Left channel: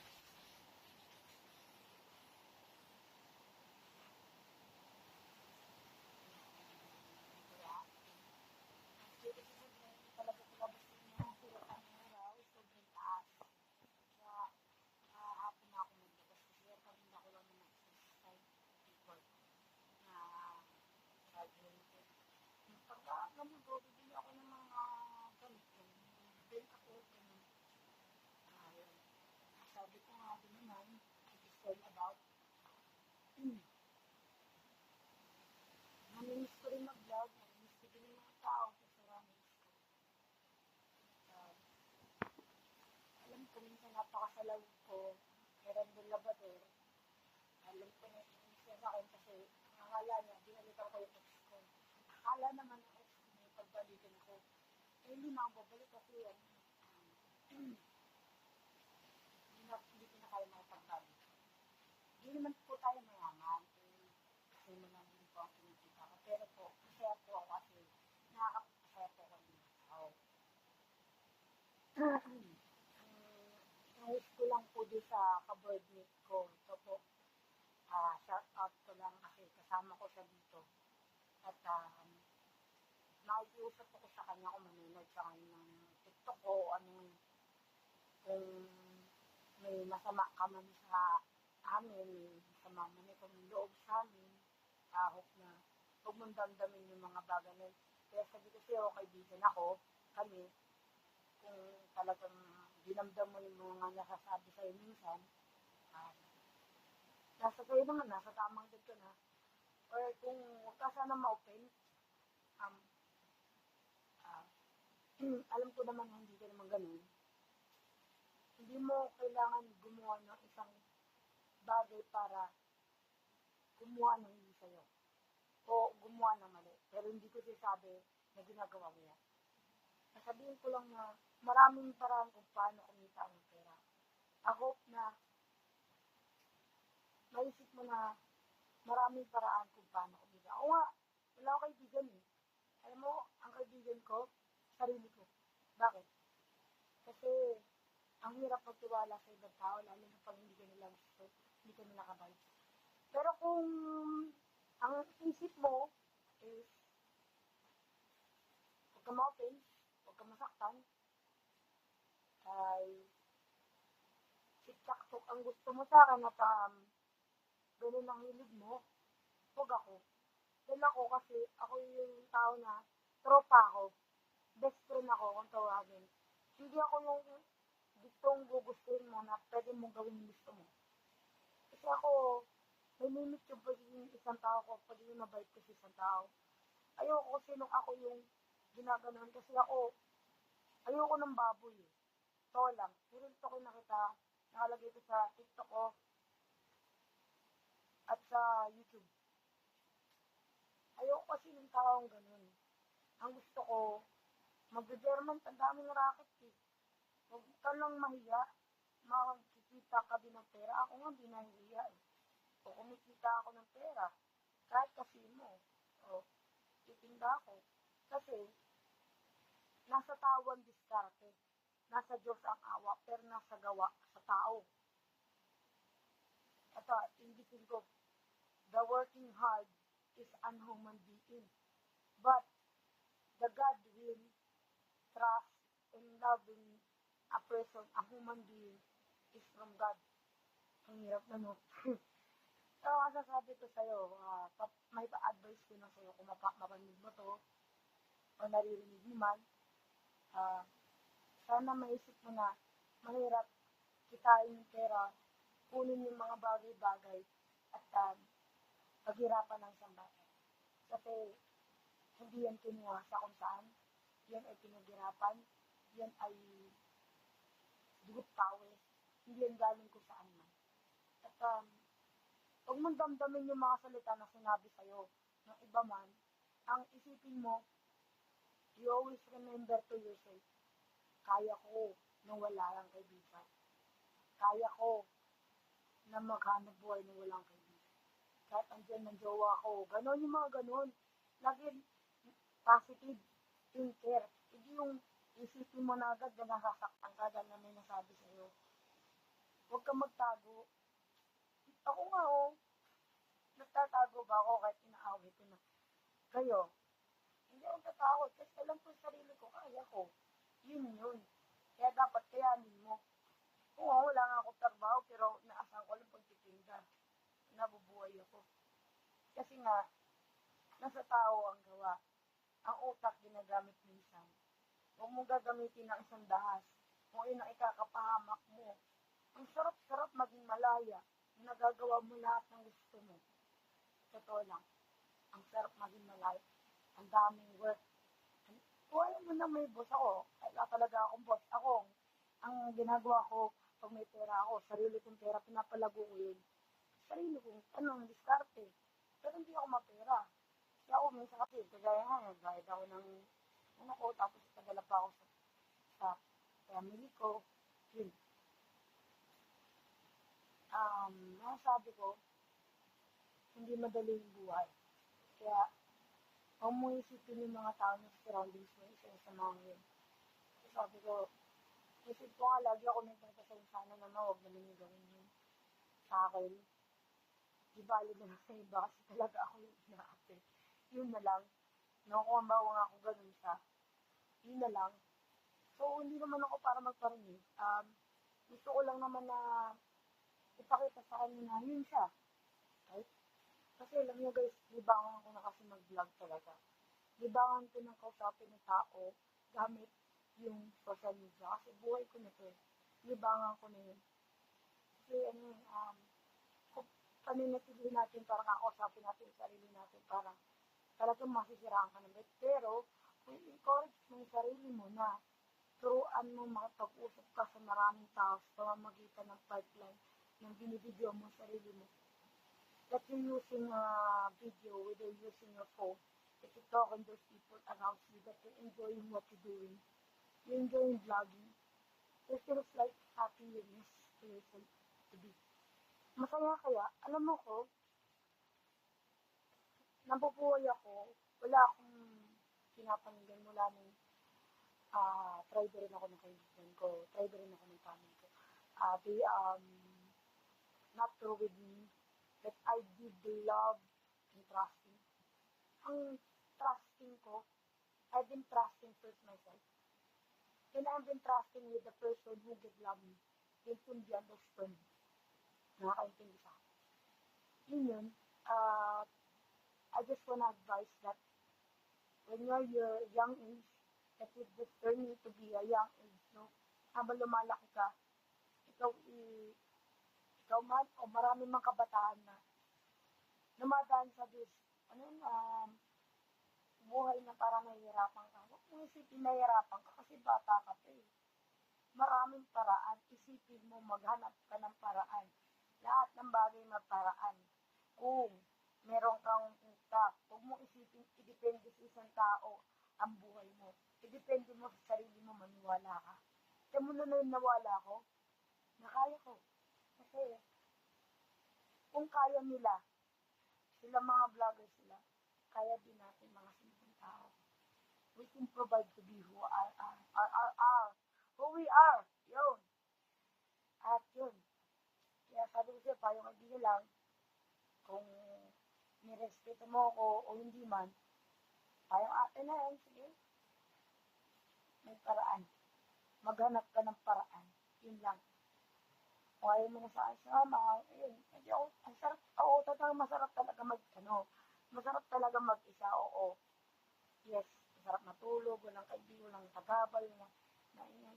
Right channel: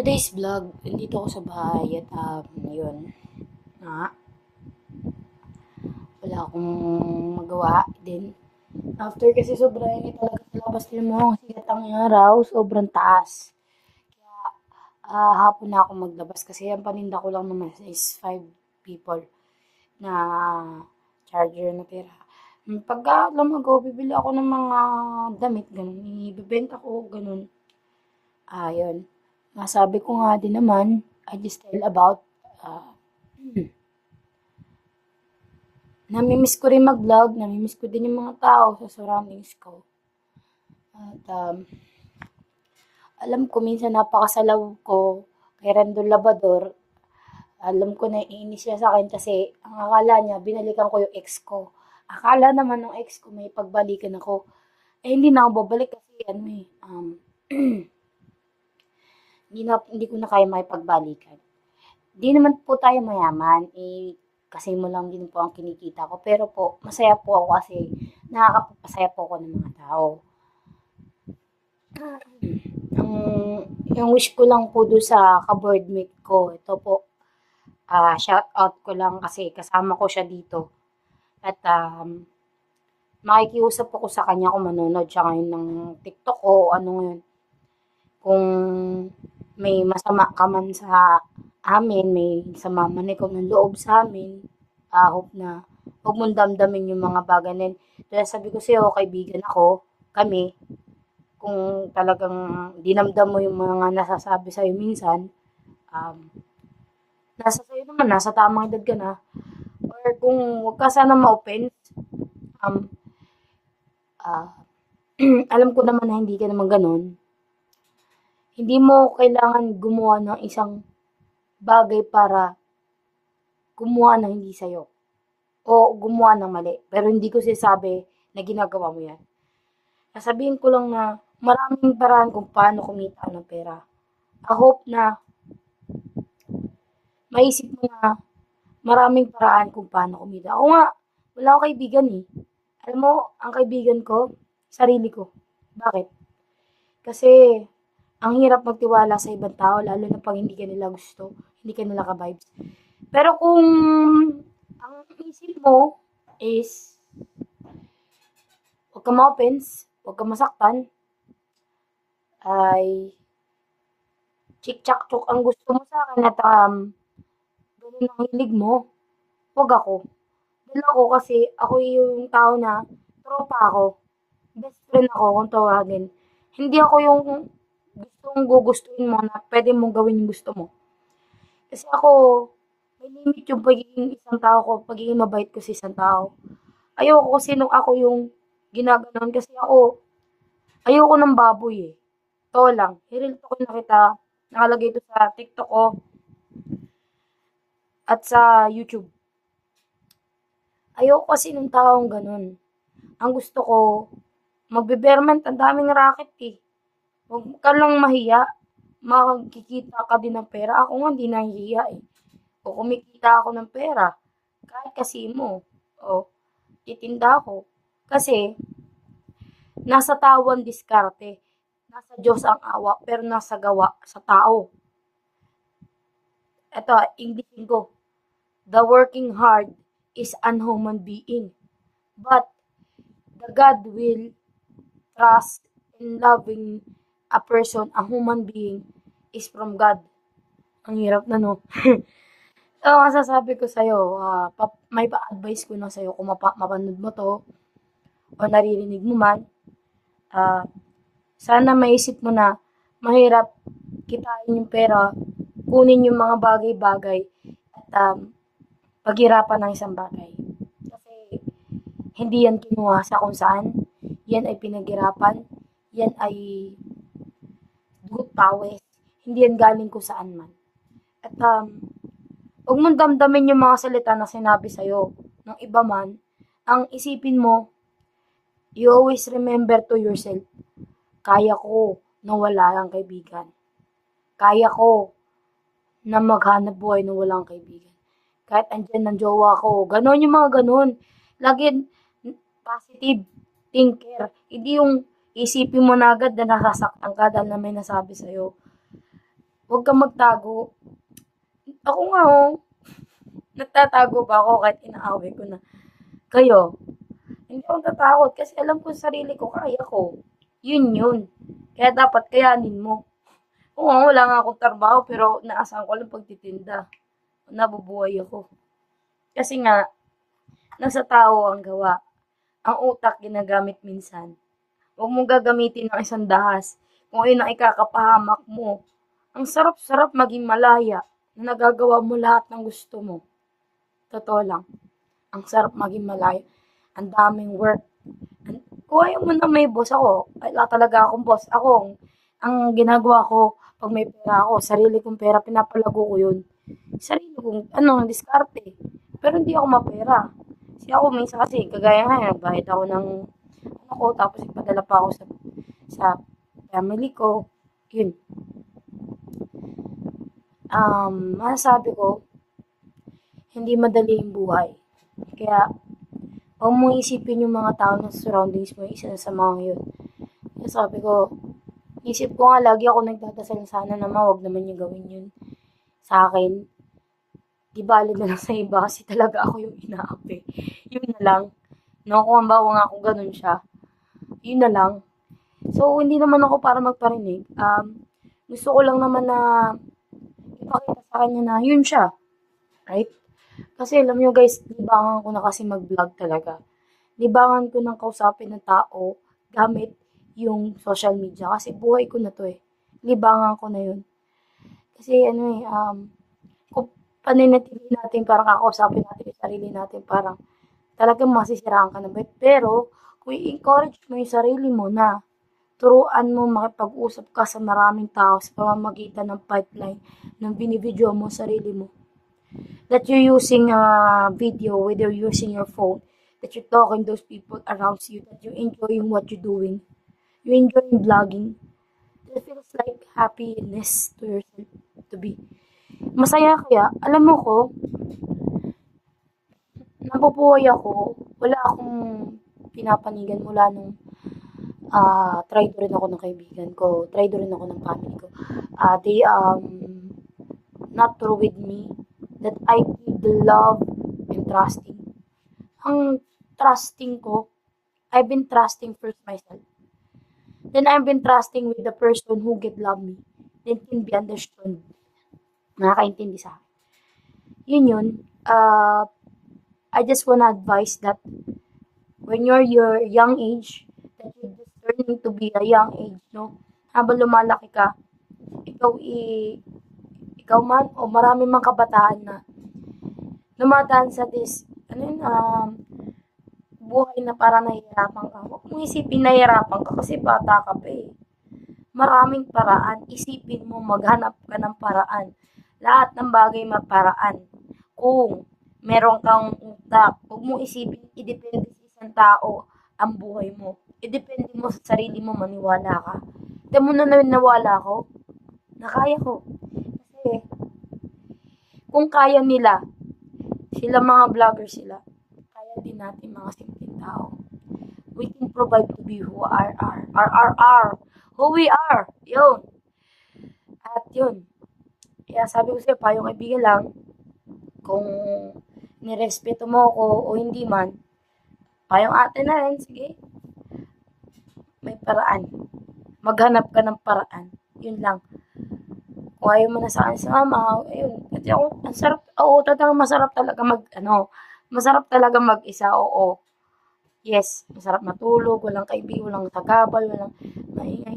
Today's vlog, nandito ako sa bahay at yun, nga, wala akong magawa din. After kasi sobrang init talaga sa labas din mo, sikat ang araw, sobrang taas. Hapon na ako maglabas kasi ang paninda ko lang naman is 5 people na charger na tira. Pagka lumago, bibili ako ng mga damit, ganun. Ibibenta ko, ganun. Yun. Nasabi ko nga din naman, I just tell about ah, namimiss ko rin mag-vlog, namimiss ko din yung mga tao sa surroundings ko. At alam ko minsan napakasalaw ko kay Randol Labador. Alam ko na iinis siya sa akin kasi ang akala niya binalikan ko yung ex ko. Akala naman ng ex ko may pagbalikan ako. Eh hindi na ako babalik kasi ano hindi ko na kaya makipagbalikan. Di naman po tayo mayaman, kasi mo lang din po ang kinikita ko. Pero po, masaya po ako kasi nakakapagpasaya po ako ng mga tao. Ang, yung wish ko lang po doon sa ka-boardmate ko, ito po, shout out ko lang kasi kasama ko siya dito. At makikiusap ako sa kanya kung manonood siya ngayon ng TikTok o ano ngayon. Kung may masama ka man sa amin, may sama man ikaw ng loob sa amin, hope na huwag mong damdamin yung mga bagay na yun. Kaya sabi ko sa'yo, kaibigan ako, kami, kung talagang dinamdam mo yung mga nasasabi sa'yo minsan, um, nasa sa'yo naman, nasa tamang edad ka na, or kung huwag ka sana ma-offense, um, ah, alam ko naman na hindi ka naman ganun, hindi mo kailangan gumawa ng isang bagay para gumawa ng hindi sa'yo o gumawa ng mali. Pero hindi ko sinasabi na ginagawa mo yan. Sasabihin ko lang na maraming paraan kung paano kumita ng pera. I hope na maisip mo na maraming paraan kung paano kumita. Ako nga, wala akong kaibigan eh. Alam mo, ang kaibigan ko, sarili ko. Bakit? Kasi ang hirap magtiwala sa ibang tao, lalo na pag hindi ka nila gusto, hindi ka nila ka-vibes. Pero kung ang isip mo is huwag ka ma-offense, huwag ka masaktan, ay chik-chak-chok ang gusto mo sa akin at ganun ang hilig mo, huwag ako. Dahil ako kasi ako yung tao na tropa ako, best friend ako kung tawagin. Hindi ako yung gustong gugustuhin mo na pwede mong gawin yung gusto mo. Kasi ako, may limit yung pagiging isang tao ko, pagiging mabait ko sa isang tao. Ayoko kasi nung ako yung ginaganon kasi ako, ayoko ng baboy eh. Ito lang, hiril ko na kita, nakalagay ito sa TikTok ko at sa YouTube. Ayoko kasi ng taong ganun. Ang gusto ko, magbe-berment, ang daming racket eh. Huwag ka lang mahiya, makikita ka din ng pera. Ako nga hindi nahihiya eh. O kumikita ako ng pera, kahit kasi mo, o titinda ako. Kasi, nasa tao ang diskarte. Nasa Diyos ang awa, pero nasa gawa sa tao. Ito, Englishin ko. The working hard is an human being. But, the God will trust in loving a person, a human being, is from God. Ang hirap na, no? So, masasabi ko sa'yo, may pa-advise ko na sa'yo kung mapanood mo to o naririnig mo man, ah, sana maisip mo na mahirap kitain yung pera, kunin yung mga bagay-bagay at paghirapan ng isang bagay. Kasi hindi yan kinuha sa kung saan, yan ay pinaghirapan, yan ay dugot pawis, hindi yan galing kung saan man. At huwag mong damdamin yung mga salita na sinabi sa'yo ng iba man, ang isipin mo, you always remember to yourself, kaya ko na wala lang kaibigan. Kaya ko na maghanap buhay na walang kaibigan. Kahit andyan ng jowa ko. Ganon yung mga ganon. Lagi positive thinker. Hindi yung isipin mo na agad na nasasaktan ka dahil na may nasabi sa'yo. Huwag kang magtago. Ako nga oh, nagtatago ba ako kahit inaaway ko na kayo? Hindi ako natatakot kasi alam ko sa sarili ko, kaya ko. Yun yun. Kaya dapat kayanin mo. Oo, wala nga akong trabaho pero naasahan ko lang pagtitinda. Nabubuhay ako. Kasi nga, nasa tao ang gawa. Ang utak ginagamit minsan. Huwag mong gagamitin ng isang dahas kung ayun ang ikakapahamak mo. Ang sarap-sarap maging malaya na nagagawa mo lahat ng gusto mo. Totoo lang. Ang sarap maging malaya. Ang daming work. Kung ayaw mo na may boss ako, wala talaga akong boss. Ako, ang ginagawa ko, pag may pera ako, sarili kong pera, pinapalago ko yun. Sarili kong, diskarte. Pero hindi ako mapera. Kasi ako minsan kasi, kagaya nga, nagbayad ako ng, ko, tapos ipadala pa ako sa family ko. Yun. Masasabi ko, hindi madali yung buhay. Kaya, huwag mong isipin yung mga tao na surroundings mo, isa sa mga yun. Kaya sabi ko, isip ko nga lagi ako nagdadasal sana naman, wag naman yung gawin yun sa akin. Di bali na lang sa iba kasi talaga ako yung inaapi. Yun na lang. No, kung ang bawa nga ako ganun siya. Yun na lang. So, hindi naman ako para magparinig. Gusto ko lang naman na ipakita sa kanya na yun siya. Right? Kasi alam nyo guys, libangan ko na kasi mag-vlog talaga. Libangan ko ng kausapin ng tao gamit yung social media. Kasi buhay ko na to eh. Libangan ko na yun. Kasi kung paninatili natin parang kakausapin natin yung sarili natin, parang talagang masisiraan ka na ba? Pero, kung i-encourage mo yung sarili mo na turuan mo makipag-usap ka sa maraming tao sa pamamagitan ng pipeline ng binibidyo mo sarili mo. That you're using a video, whether you're using your phone, that you're talking to those people around you, that you're enjoying what you're doing. You're enjoying vlogging. It feels like happiness to yourself to be. Masaya kaya, alam mo ko, nabubuhay ako, wala akong pinapanigan mula nung try rin ako ng kaibigan ko, try rin ako ng family ko. They not true with me that I need the love and trusting. Ang trusting ko, I've been trusting first myself. Then I've been trusting with the person who get love me. Then can be understood. Nakakaintindi sa akin. Yun. I just wanna advise that when you're your young age, that you're just turning to be a young age, no? Habang lumalaki ka, ikaw ikaw man o marami mang kabataan na dumadaan sa buhay na parang nahihirapan ka. Huwag mong isipin nahihirapan ka kasi bata ka pa eh. Maraming paraan. Isipin mo, maghanap ka ng paraan. Lahat ng bagay maparaan. Kung meron kang utak, huwag mong isipin, idepende sa isang tao ang buhay mo. Idepende mo sa sarili mo, maniwala ka. Tignan mo na nawala ko, na kaya ko. Kasi, kung kaya nila, sila mga vlogger sila, kaya din natin mga simpleng tao. We can provide to be who who we are. Yun. At yun. Kaya sabi ko sa'yo, payong kaibigan lang, kung nirespeto mo ako o hindi man, payong ate na rin, sige. May paraan. Maghanap ka ng paraan. Yun lang. Kung ayaw mo na sa akin sa mama, ayun. Kasi ako, ang sarap, oo, talagang masarap talaga masarap talaga mag-isa, oo. Yes, masarap matulog, walang kaibigan, walang tagabal, walang maingay.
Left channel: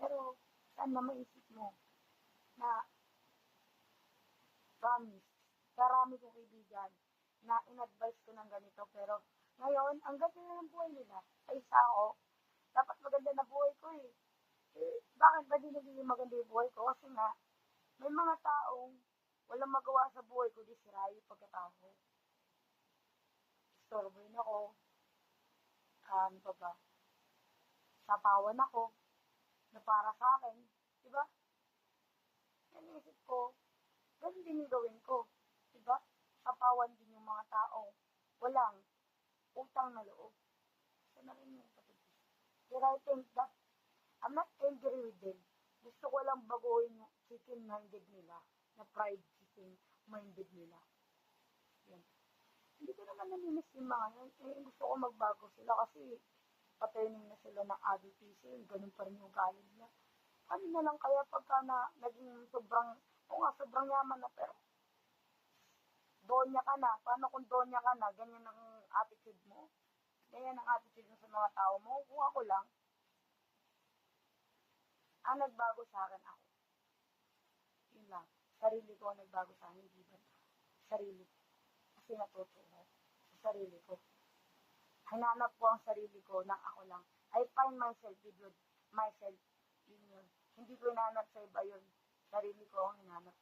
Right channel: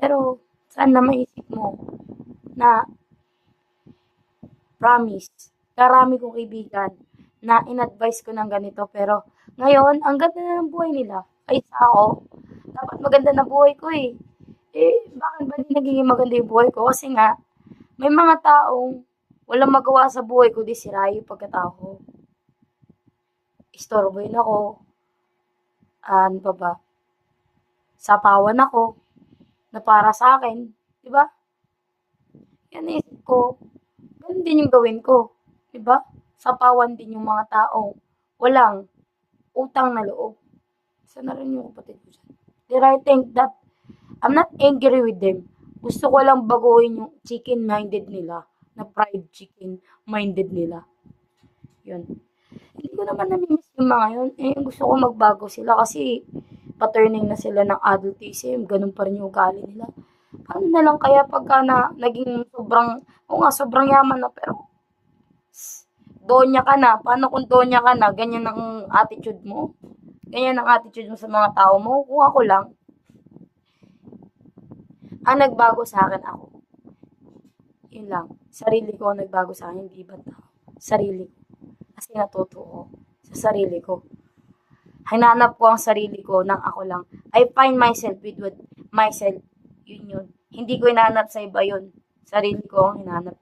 Pero, sana maisip mo na, promise, karami kong kaibigan na in-advise ko ng ganito, pero ngayon, ang ganda na ng buhay nila. Ay, ako, dapat maganda na buhay ko eh. Bakit ba di nagiging maganda yung buhay ko? Kasi nga, may mga taong walang magawa sa buhay ko, di sira yung pagkatao ko. Istorbohin ako. Ano pa ba? Sapawan ako na para sa akin. Diba? Yan naisip ko. Ganun din yung gawin ko. Diba? Sapawan din yung mga tao. Walang utang na loob. Isa na rin yung kapatid ko dyan. Did I think that I'm not angry with them. Gusto ko lang baguhin yung chicken-minded nila, na fried chicken-minded nila. Yun. Hindi ko naman nami-miss yung mga yun. Eh, gusto ko magbago sila kasi paturning na sila ng adultism. Ganun pa rin yung ugali nila. Paano na lang kaya pagka na naging sobrang, o nga, sobrang yaman na, pero donya ka na. Paano kung donya ka na, ganyan ang attitude mo? Ganyan ang attitude mo sa mga tao mo? Kung ako lang, ang nagbago sa akin ako. Yun lang. Sarili ko ang nagbago sa akin, hindi ibang tao. Sarili ko. Kasi natuto ko sa sarili ko. Hinanap ko ang sarili ko nang ako lang. I find myself with myself. Yun yun. Hindi ko hinanap sa iba yun. Sarili ko ang hinanap